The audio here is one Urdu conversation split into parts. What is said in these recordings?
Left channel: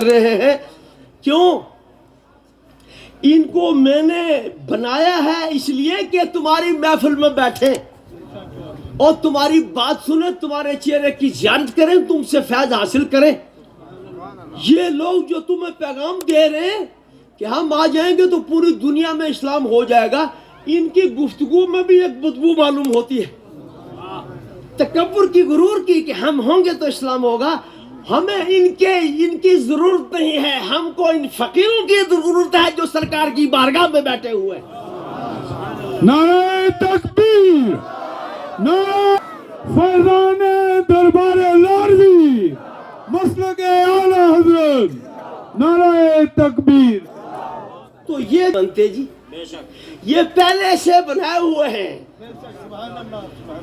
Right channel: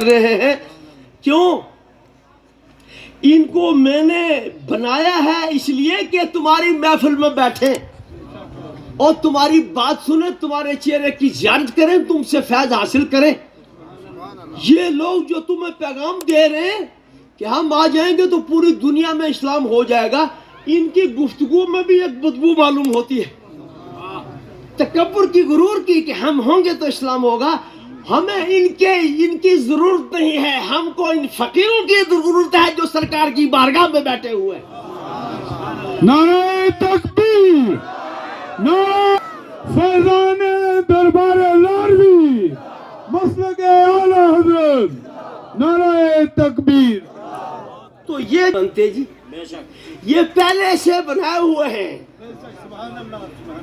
رہے ہیں کیوں؟ ان کو میں نے بنایا ہے اس لیے کہ تمہاری محفل میں بیٹھے اور تمہاری بات سنیں، تمہارے چہرے کی زیارت کریں، تم سے فیض حاصل کریں۔ یہ لوگ جو تمہیں پیغام دے رہے ہیں کہ ہم آ جائیں گے تو پوری دنیا میں اسلام ہو جائے گا، ان کی گفتگو میں بھی ایک بدبو معلوم ہوتی ہے، تکبر کی، غرور کی کہ ہم ہوں گے تو اسلام ہوگا۔ ہمیں ان کی ضرورت نہیں ہے، ہم کو ان فقیروں کی ضرورت ہے جو سرکار کی بارگاہ میں بیٹھے ہوئے۔ نعرہ تکبیر، نعرہ فیضان دربار لاروی، مسلک اعلی حضرت، نعرہ تکبیر۔ تو یہ بنتے جی، یہ پہلے سے بنائے ہوئے ہیں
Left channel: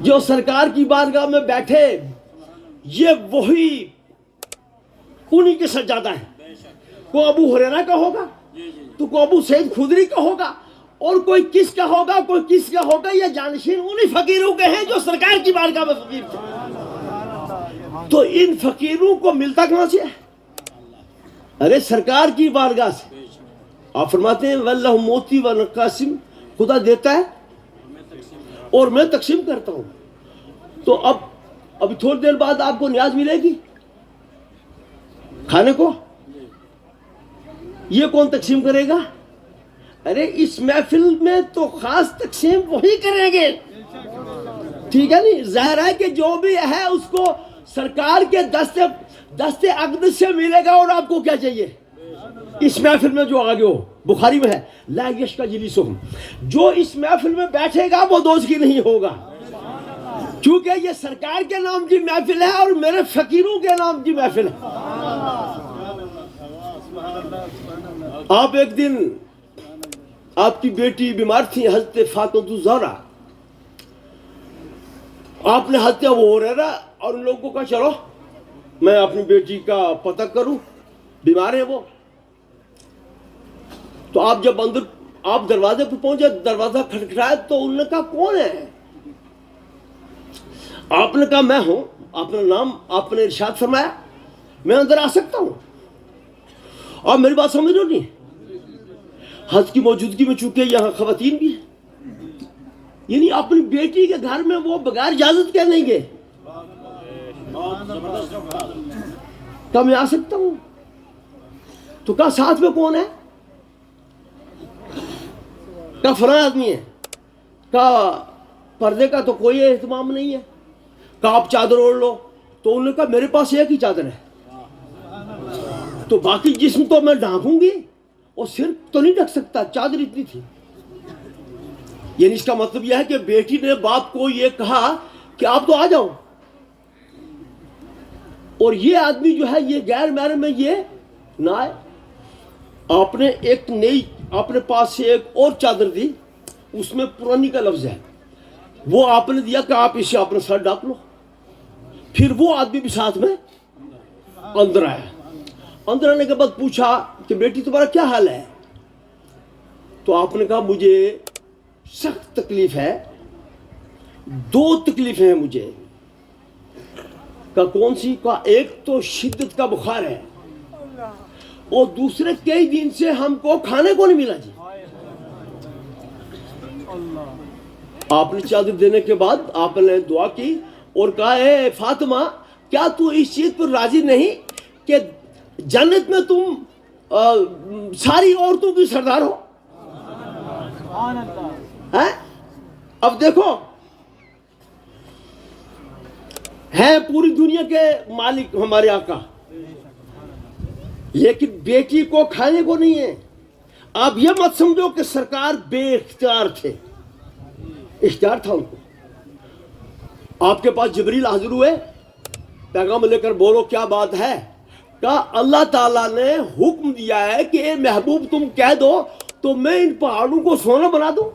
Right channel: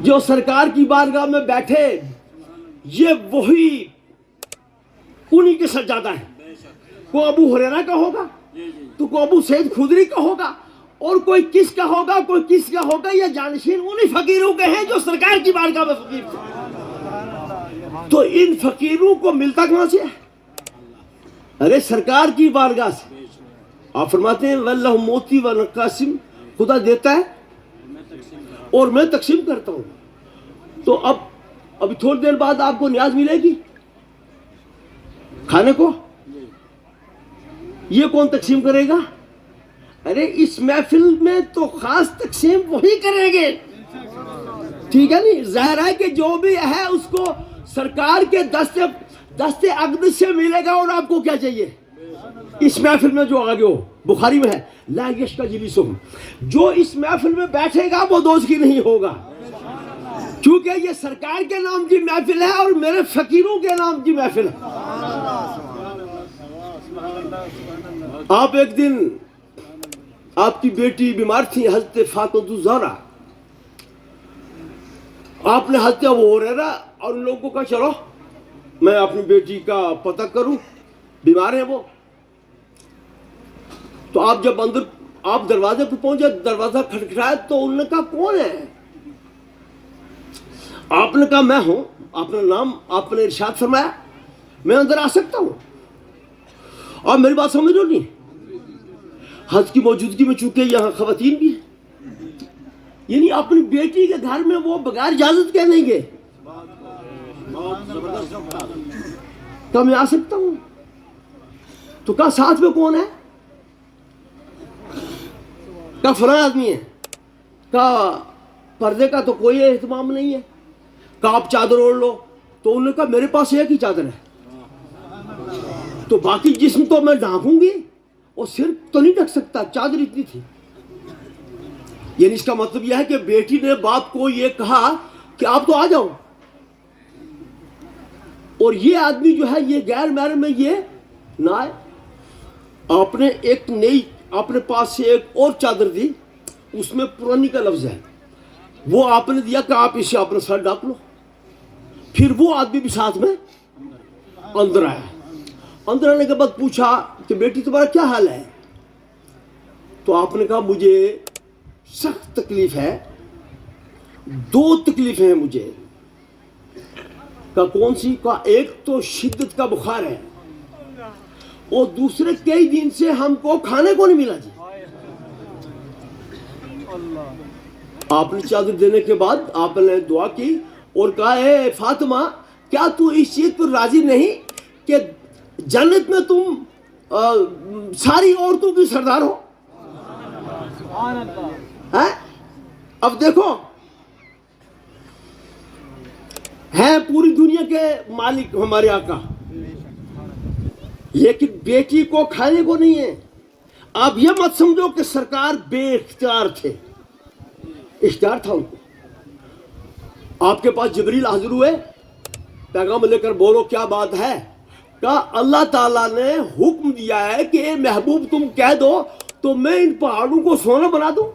جو سرکار کی بارگاہ میں بیٹھے، یہ وہی انہی کے سجادہ ہے۔ کوئی ابو ہریرہ کا ہوگا تو کوئی ابو سعید خدری کا ہوگا، اور کوئی کس کا ہوگا، کوئی کس کا ہوگا، یہ جانشین انہی فقیروں کے ہیں جو سرکار کی بارگاہ میں فقیر تھے۔ تو ان فقیروں کو ملتا کہاں سے ہے؟ ارے سرکار کی بارگاہ سے۔ آپ فرماتے ہیں واللہ موتی و نقاسم، خدا دیتا ہے اور میں تقسیم کرتا ہوں۔ تو ابھی تھوڑی دیر بعد آپ کو نیاز ملے گی کھانے کو، یہ کون تقسیم کرے گا؟ ارے اس محفل میں تو خاص تقسیم وہی کریں گے، ٹھیک ہے نہیں؟ ظاہر ہے کہ جو بھی ہے اس کو سرکار کے دست اقدس سے ملے گا۔ اور آپ کو کیا چاہیے اس محفل میں جو آگے ہو؟ بخاری میں ہے لا یشقی جلیسہم، جو اس محفل میں بیٹھے گا وہ دوزخی نہیں ہوگا، کیونکہ یہ سرکار کے نام کی محفل ہے اور میرے فقیروں کے نام کی محفل ہے۔ آپ ایک دن، آپ کی بیٹی بیمار تھی حضرت فاطمہ الزہرا، آپ نے حضرت ابو ہریرہ اور ان لوگوں کو کہا چلو میں اپنی بیٹی کا پتہ کروں، بیمار ہے وہ۔ تو آپ جب اندر آپ دروازے پہ پہنچے، دروازہ کھٹکھٹایا تو انہوں نے کہا کون ہے؟ آپ نے کہا میں ہوں۔ آپ نے نام، آپ نے ارشاد فرمایا میں اندر آ سکتا ہوں؟ اور میری بات سمجھ رہے ہو نہیں؟ حضرت کی موجودگی میں چونکہ یہاں خواتین بھی ہیں، یعنی اپنی بیٹی کے گھر میں وہ بغیر اجازت کے نہیں گئے، کہا میں آ سکتا ہوں؟ تو کہا ساتھ میں کون ہے؟ کہا فلاں آدمی ہے۔ کہا پردے کا تو کوئی اہتمام نہیں ہے۔ کہا آپ چادر اوڑھ لو۔ تو انہوں نے کہا میرے پاس ایک ہی چادر ہے، تو باقی جسم تو میں ڈھانکوں گی اور سر تو نہیں ڈھک سکتا، چادر اتنی تھی۔ یعنی اس کا مطلب یہ ہے کہ بیٹی نے باپ کو یہ کہا کہ آپ تو آ جاؤ، اور یہ آدمی جو ہے یہ غیر محرم میں یہ نہ آئے۔ آپ نے ایک نئی اپنے پاس سے ایک اور چادر دی، اس میں پرانی کا لفظ ہے، وہ آپ نے دیا کہ آپ اسے اپنا سر ڈھانپ لو۔ پھر وہ آدمی بھی ساتھ میں اندر آیا۔ اندر آنے کے بعد پوچھا کہ بیٹی تمہارا کیا حال ہے؟ تو آپ نے کہا مجھے سخت تکلیف ہے، دو تکلیفیں ہیں مجھے۔ کہا کون سی؟ کہا ایک تو شدت کا بخار ہے، اور دوسرے کئی دن سے ہم کو کھانے کو نہیں ملا جی۔ آپ نے چادر دینے کے بعد آپ نے دعا کی اور کہا اے فاطمہ، کیا تو اس چیز پر راضی نہیں کہ جنت میں تم ساری عورتوں کی سردار ہو؟ اب دیکھو، ہے پوری دنیا کے مالک ہمارے آقا، لیکن بیٹی کو کھانے کو نہیں ہے۔ آپ یہ مت سمجھو کہ سرکار بے اختیار تھے، اختیار تھا ان کو۔ آپ کے پاس جبریل حاضر ہوئے، پیغام لے کر بولو کیا بات ہے؟ کہا اللہ تعالیٰ نے حکم دیا ہے کہ اے محبوب تم کہہ دو تو میں ان پہاڑوں کو سونا بنا دوں۔